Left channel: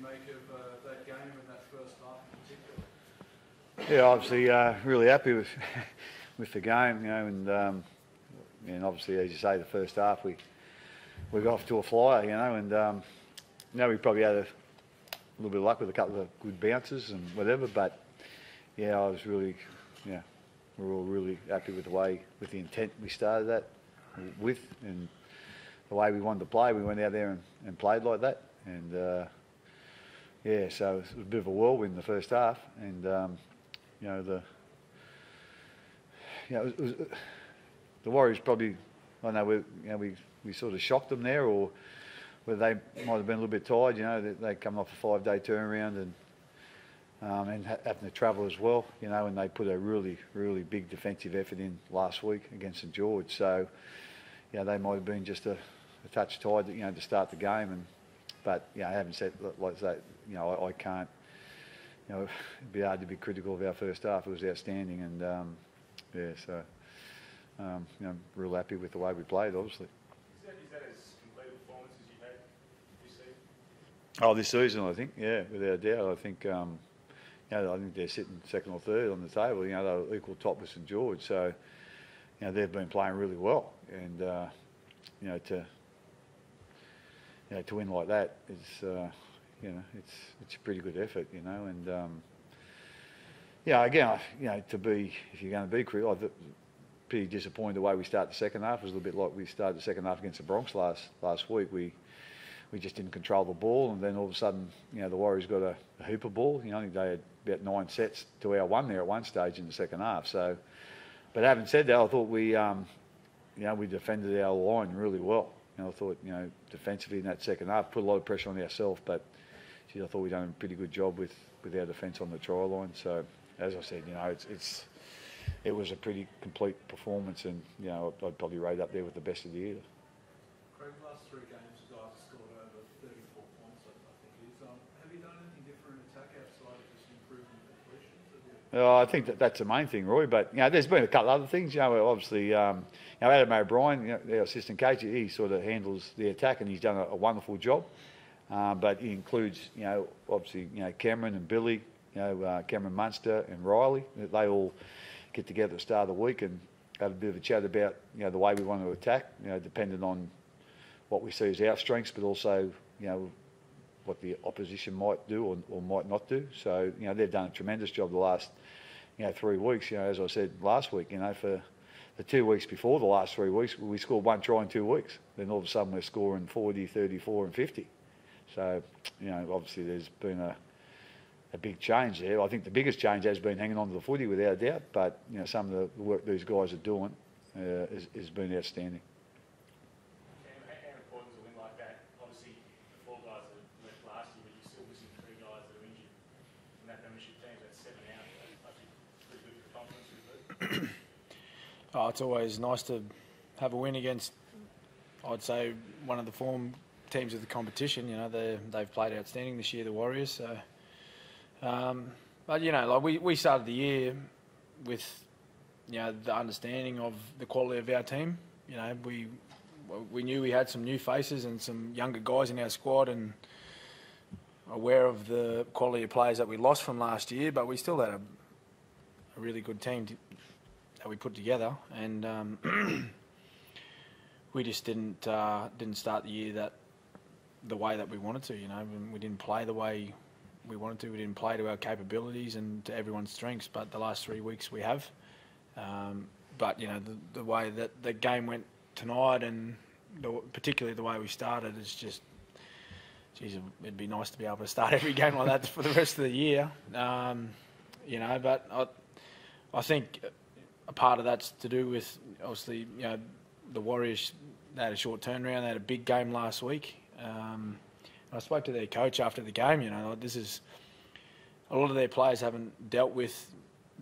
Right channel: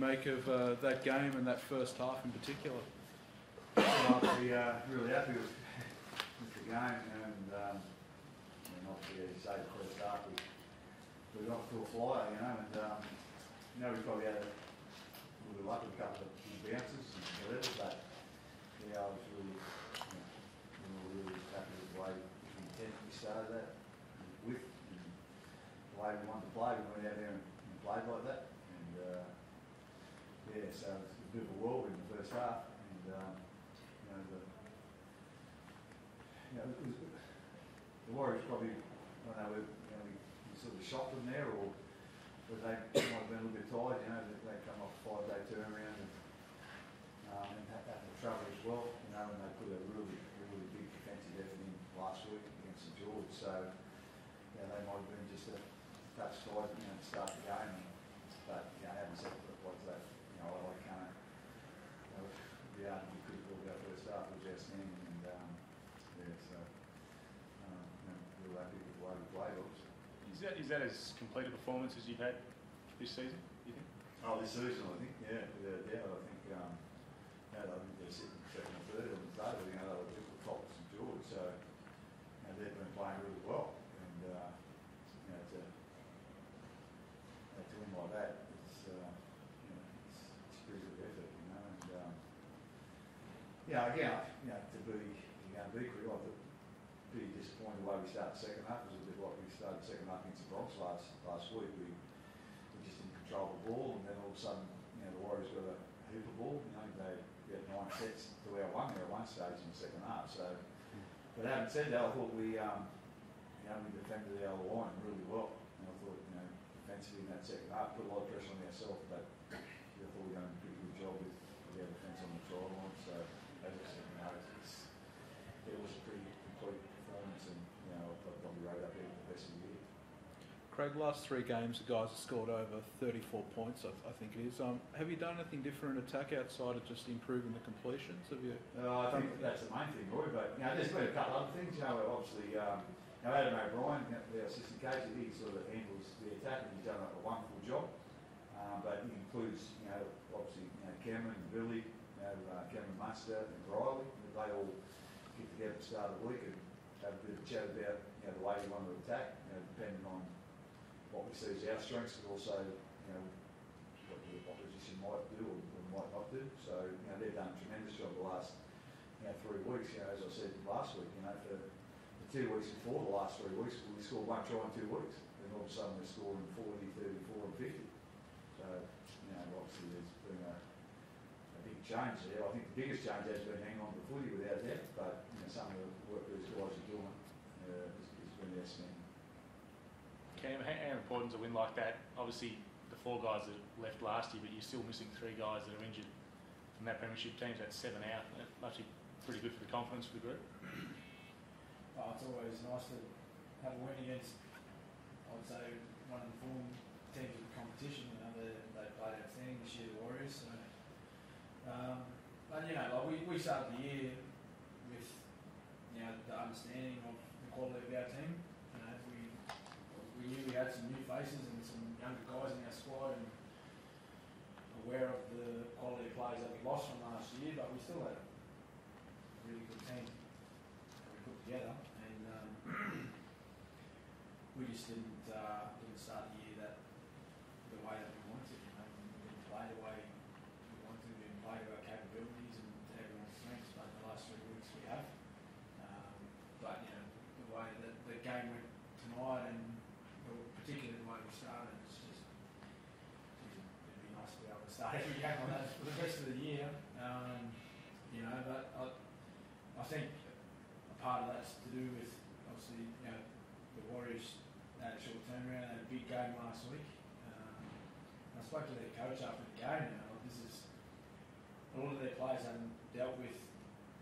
make of that game and that first half in particular? Yeah, obviously really happy with with the game, you know, and obviously, as you say, the first half we got off to a flyer, you know, and you know, we probably had a little bit of luck with a couple of good bounces and whatever, but yeah, I was really, yeah, we were all really happy with the way, with the intent we started that with, and the way we wanted to play. We went out there and played like that, and yeah, so it was a bit of a whirlwind in the first half, and you know, the Warriors probably, I don't know, we sort of shocked them there, or whether they might have been a little bit tired, you know, they come off a 5-day turnaround and having to travel as well, you know, and they put a really, really big defensive effort in last week against St George. So, you know, they might have been just a touch tired, you know, to start the game. But, you know, I haven't said like that, you know, I can't, you know, it'd be hard to be critical of our first half. It was outstanding, and yeah, so you know, real happy with the way we played, obviously. Is that as complete a performance as you've had this season, do you think? Oh, this season, I think, yeah, without a doubt. I think, you know, I think they're sitting second or third on the table. You know, they were equal top with St George, so you know, they've been playing really well, and you know, to win like that, it's you know, it's a pretty good effort, you know, and yeah, again, you know, if you're going to be critical, I'm pretty disappointed the way we started the second half. It was a little bit like we started the second half against the Bronx last week. We just didn't control the ball, and then all of a sudden, you know, the Warriors got a hooper ball. You know, I think they had about 9 sets to our 1 there at one stage in the second half. So, but having said that, I thought we, you know, we defended our line really well. You know, I thought, you know, defensively in that second half, put a lot of pressure on ourselves, but geez, I thought we done a pretty good job with our defence on the try line. So, as I said, you know, it was a pretty complete performance, and you know, I'd probably rate up there with the best of the year. Craig, last 3 games, the guys have scored over 34 points, I think it is. Have you done anything different in attack outside of just improving the completions? Have you? I think that's the main thing, Roy. But you know, there's been a couple of other things. You know, obviously, you know, Adam O'Brien, you know, our assistant coach, he sort of handles the attack, and he's done a wonderful job. But he includes, you know, obviously, you know, Cameron and Billy, you know, Cameron Munster and Riley. They all get together at the start of the week and have a bit of a chat about, you know, the way we want to attack, you know, depending on what we see as our strengths, but also, you know, what the opposition might do or might not do. So, you know, they've done a tremendous job the last, you know, 3 weeks. You know, as I said last week, you know, for the 2 weeks before the last 3 weeks, we scored 1 try in 2 weeks. Then all of a sudden we're scoring 40, 34 and 50. So, you know, obviously there's been a big change there. I think the biggest change has been hanging on to the footy without a doubt, but, you know, some of the work these guys are doing has been outstanding. Cam, how important is a win like that? Obviously, the 4 guys that left last year, but you're still missing 3 guys that are injured from that premiership team. So that's 7 out. That's actually pretty good for the confidence of the group. Oh, it's always nice to have a win against, I'd say, one of the form teams of the competition. You know, they've played outstanding this year, the Warriors. So, but you know, like we started the year with, you know, the understanding of the quality of our team. You know, we knew we had some new faces and some younger guys in our squad, and aware of the quality of players that we lost from last year, but we still had a really good team that we put together, and we just didn't start the year the way that we wanted to. You know, we didn't play the way we wanted to. We didn't play to our capabilities and to everyone's strengths. But the last 3 weeks we have. But you know, the way that the game went tonight, and particularly the way we started, is just, geez, it'd be nice to be able to start every game like that for the rest of the year. You know, but I think a part of that's to do with, obviously, you know, the Warriors, they had a short turnaround. They had a big game last week. I spoke to their coach after the game. You know, this is, a lot of their players haven't dealt with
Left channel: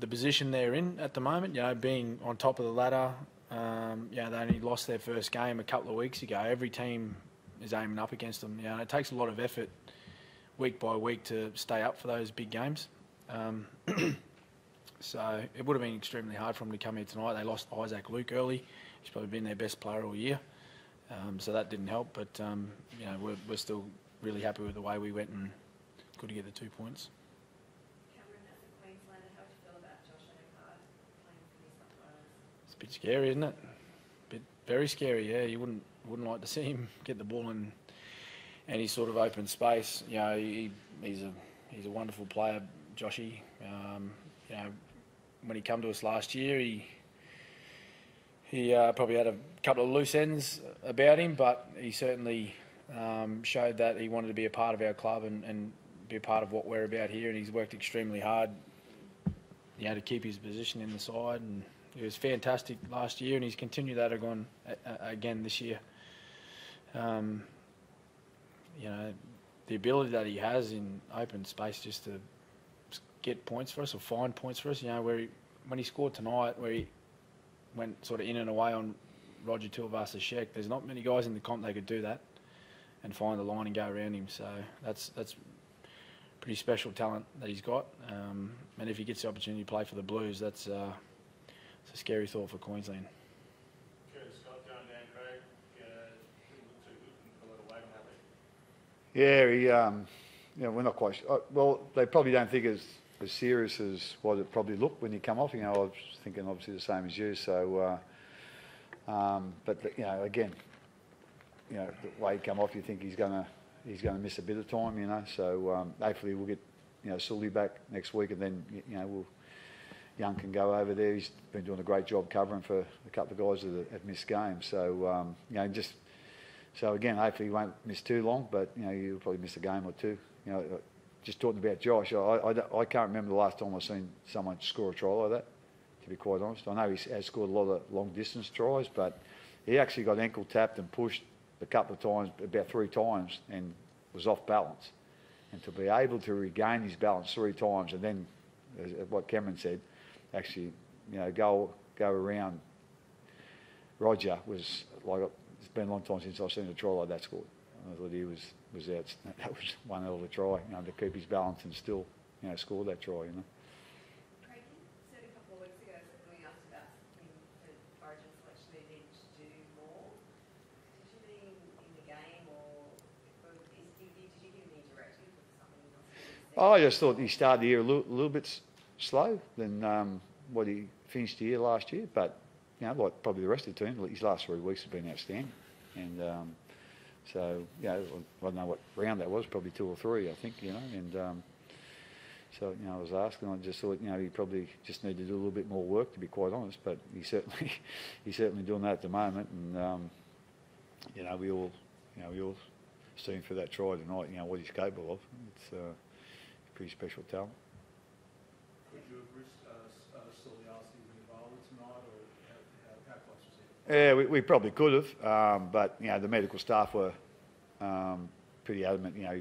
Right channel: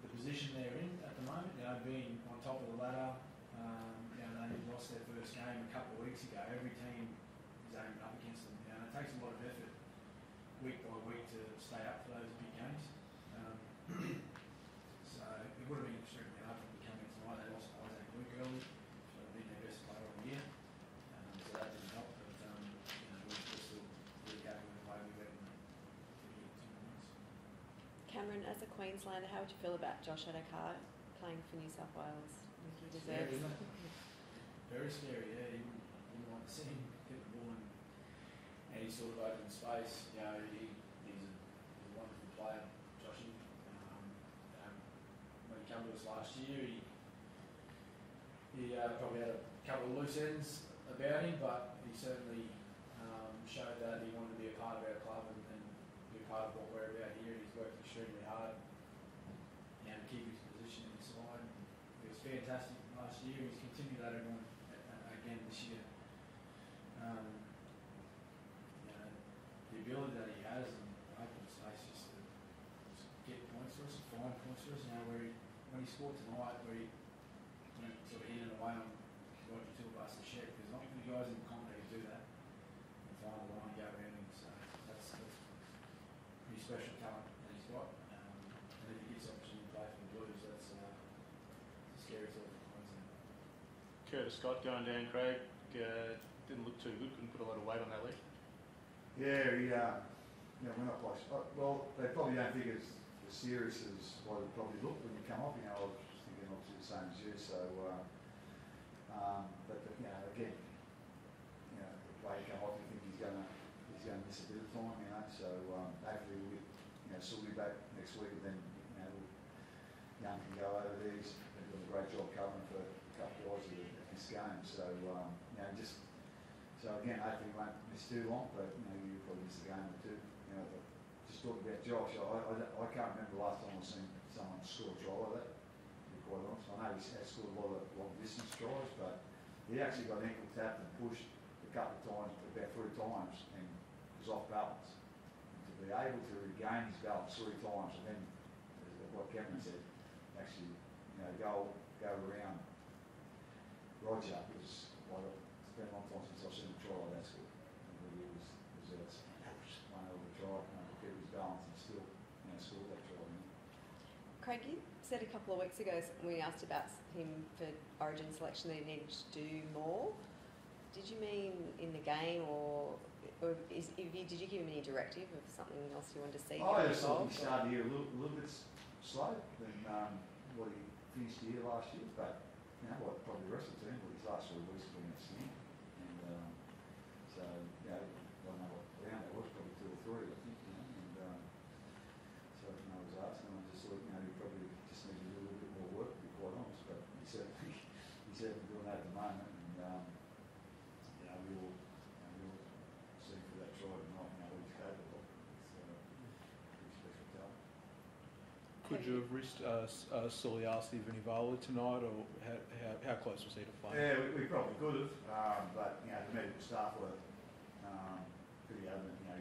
the position they're in at the moment. You know, being on top of the ladder. You know, they only lost their first game a couple of weeks ago. Every team is aiming up against them. You know, it takes a lot of effort week by week to stay up for those big games. So it would have been extremely hard for them to come here tonight. They lost Isaac Luke early. He's probably been their best player all year. So that didn't help. But, you know, we're still really happy with the way we went good to get the 2 points. Cameron, as a Queenslander, how would you feel about Josh Adokar playing for New South Wales? It's a bit scary, isn't it? Very scary. Yeah, you wouldn't like to see him get the ball in any sort of open space. You know, he's a wonderful player, Joshy. You know, when he came to us last year, he probably had a couple of loose ends about him, but he certainly showed that he wanted to be a part of our club and be a part of what we're about here, and he's worked extremely hard, you know, to keep his position in the side, and he was fantastic last year, and he's continued that again this year. You know, the ability that he has in open space just to get points for us or find points for us, you know, when he scored tonight, where he went sort of in and away on Roger Tuivasa-Sheck, there's not many guys in the comp that could do that and find the line and go around him. So that's pretty special talent that he's got. And if he gets the opportunity to play for the Blues, it's a scary thought for Queensland. Curtis Scott going down, Craig. Didn't look too good. Couldn't put a lot of weight on that leg. Yeah, you know, we're not quite sure. Well, they probably don't think as serious as what it probably looked when you come off. You know, I was thinking obviously the same as you. So, you know, again, you know, the way he come off, you think he's gonna miss a bit of time. You know, so hopefully we'll get, you know, Sully back next week, and then, you know, Young can go over there. He's been doing a great job covering for a couple of guys that have missed games. So, you know, so again, hopefully he won't miss too long, but, you know, you'll probably miss a game or two. You know, just talking about Josh, I can't remember the last time I've seen someone score a try like that, to be quite honest. I know he has scored a lot of long distance tries, but he actually got ankle tapped and pushed a couple of times, about 3 times, and was off balance. And to be able to regain his balance 3 times, and then, as what Cameron said, actually, you know, go around Roger was like, it's been a long time since I've seen a try like that scored. I thought he was out. That was one hell of a try, you know, to keep his balance and still, you know, score that try, you know. Craig, you said a couple of weeks ago when we asked about him for Origin selection that he needed to do more. Did you mean in the game, or did you give him any directive of something else you wanted to see? I just thought he started the year a little bit slow than what he finished the year last year, but, you know, like probably the rest of the team, his last 3 weeks have been outstanding. And so, you know, I don't know what round that was, probably 2 or 3, I think, you know. And so, you know, I was asking, I just thought, you know, he probably just needed to do a little bit more work, to be quite honest. But he's certainly doing that at the moment. And you know, we all see him for that try tonight. You know what he's capable of. It's a pretty special talent. Could you have risked Sully Steve Vunivalu tonight, or how close was he to playing? Yeah, we probably could have, but, you know, the medical staff were pretty adamant. You know,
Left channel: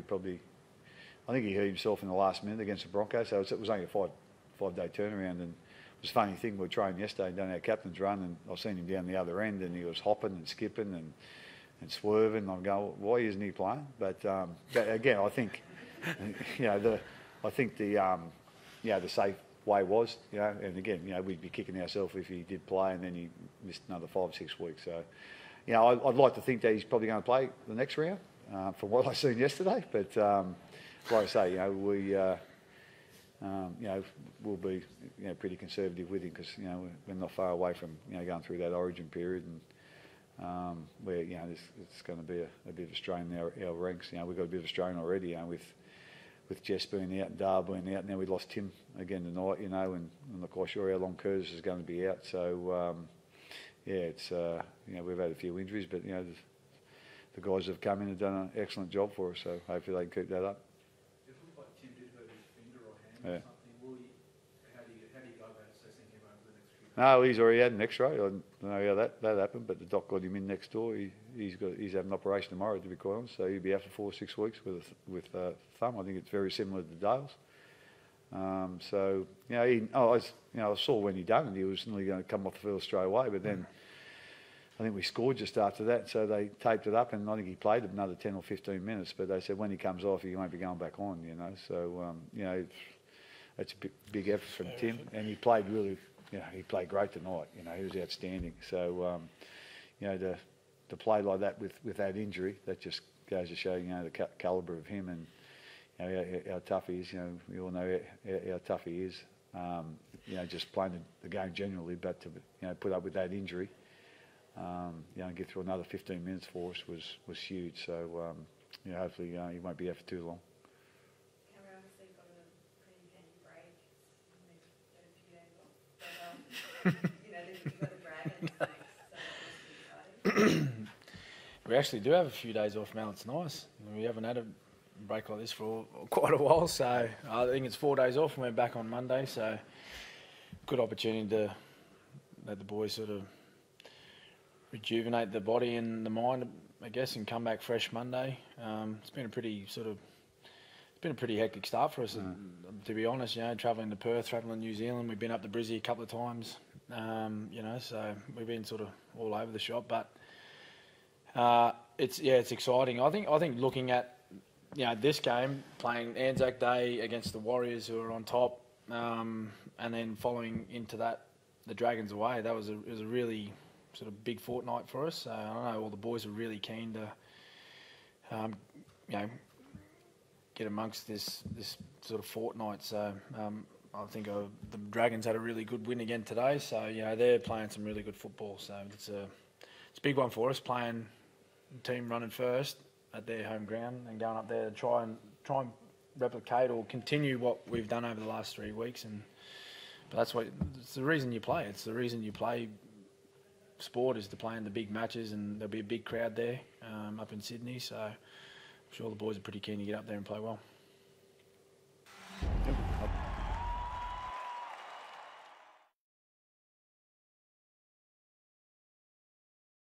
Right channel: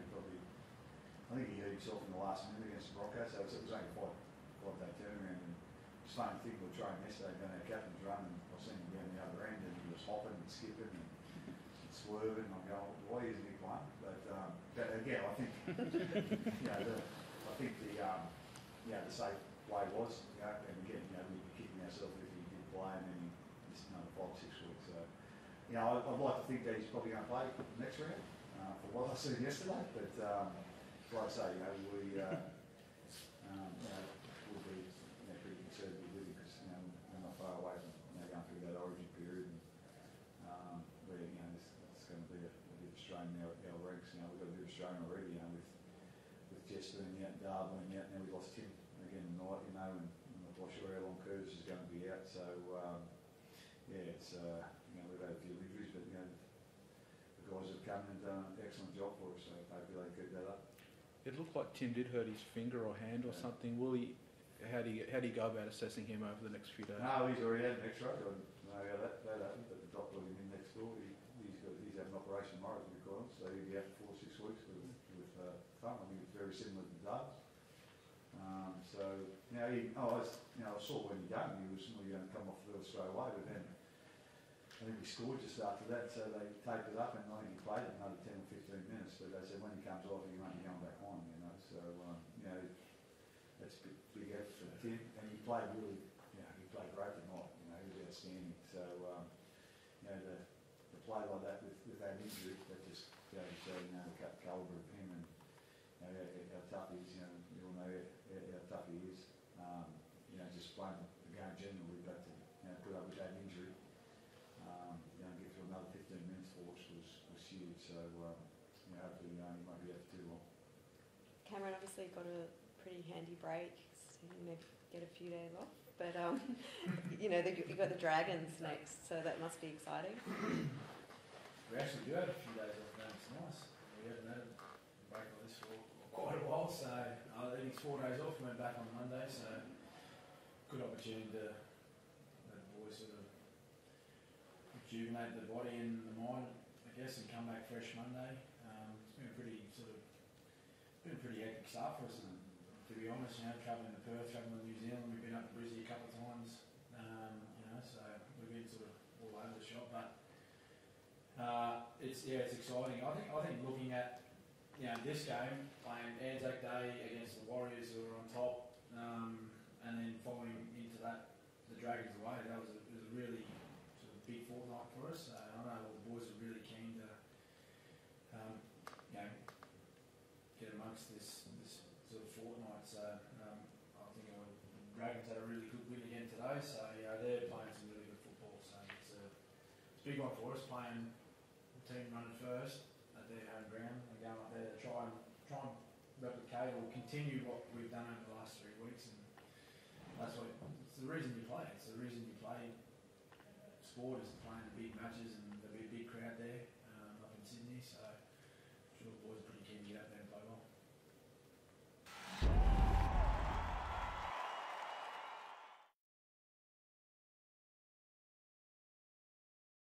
I think he hurt himself in the last minute against the Broncos, so it was only a five-day turnaround. And it was a funny thing, we were training yesterday and done our captain's run, and I seen him down the other end, and he was hopping and skipping and swerving. I'm going, why isn't he playing? But again, I think, you know, the safe way was, you know, and again, you know, we'd be kicking ourselves if he did play and then he missed another 5 or 6 weeks. So, you know, I'd like to think that he's probably going to play the next round, from what I seen yesterday. But like I say, you know, you know, we'll be, you know, pretty conservative with him, because, you know, we're not far away from, you know, going through that Origin period, and where, you know, it's going to be a bit of a strain in our ranks. You know, we've got a bit of a strain already, you know, with Jess being out and Dar being out. Now we lost Tim again tonight, you know, and I'm not quite sure how long Curtis is going to be out. So, yeah, it's, you know, we've had a few injuries, but, you know, the guys have come in and done an excellent job for us, so hopefully they can keep that up. It looked like Tim did hurt his finger or hand or something. How do you go about assessing him over the next few days? No, he's already had an X-ray. I don't know how that happened, but the doc got him in next door. He's having an operation tomorrow, to be quite honest. So he'll be out for 4 or 6 weeks with thumb. I think it's very similar to Dale's. So, you know, I saw when he done it, he was nearly going to come off the field straight away, but then I think we scored just after that, so they taped it up, and I think he played another 10 or 15 minutes, but they said when he comes off, he won't be going back on, you know. So, you know, it's a big effort from Tim, and he played really, you know, he played great tonight. You know, he was outstanding. So, you know, to play like that with that injury, that just goes to show, you know, the calibre of him. And, how tough he is. We all know how tough he is. Just playing the game generally, but to put up with that injury, and get through another 15 minutes for us was huge. So hopefully he won't be there for too long. Cameron obviously got a pretty handy break. Get a few days off, but you've got the Dragons next, so that must be exciting. We actually do have a few days off, Mel. It's nice. We haven't had a break like this for quite a while, so I think it's 4 days off and we're back on Monday, so good opportunity to let the boys sort of rejuvenate the body and the mind, I guess, and come back fresh Monday. It's been a pretty hectic start for us, to be honest. Travelling to Perth, travelling to New Zealand. We've been up to Brizzy a couple of times, so we've been sort of all over the shop. But it's exciting. I think looking at this game, playing Anzac Day against the Warriors, who are on top, and then following into that the Dragons away. It was a really sort of big fortnight for us. I know all the boys are really keen to get amongst this sort of fortnight. So I think the Dragons had a really good win again today. So they're playing some really good football. So it's a big one for us, playing the team running first at their home ground and going up there to try and replicate or continue what we've done over the last 3 weeks. But it's the reason you play. It's the reason you play sport, is to play in the big matches, and there'll be a big crowd there up in Sydney. So I'm sure the boys are pretty keen to get up there and play well.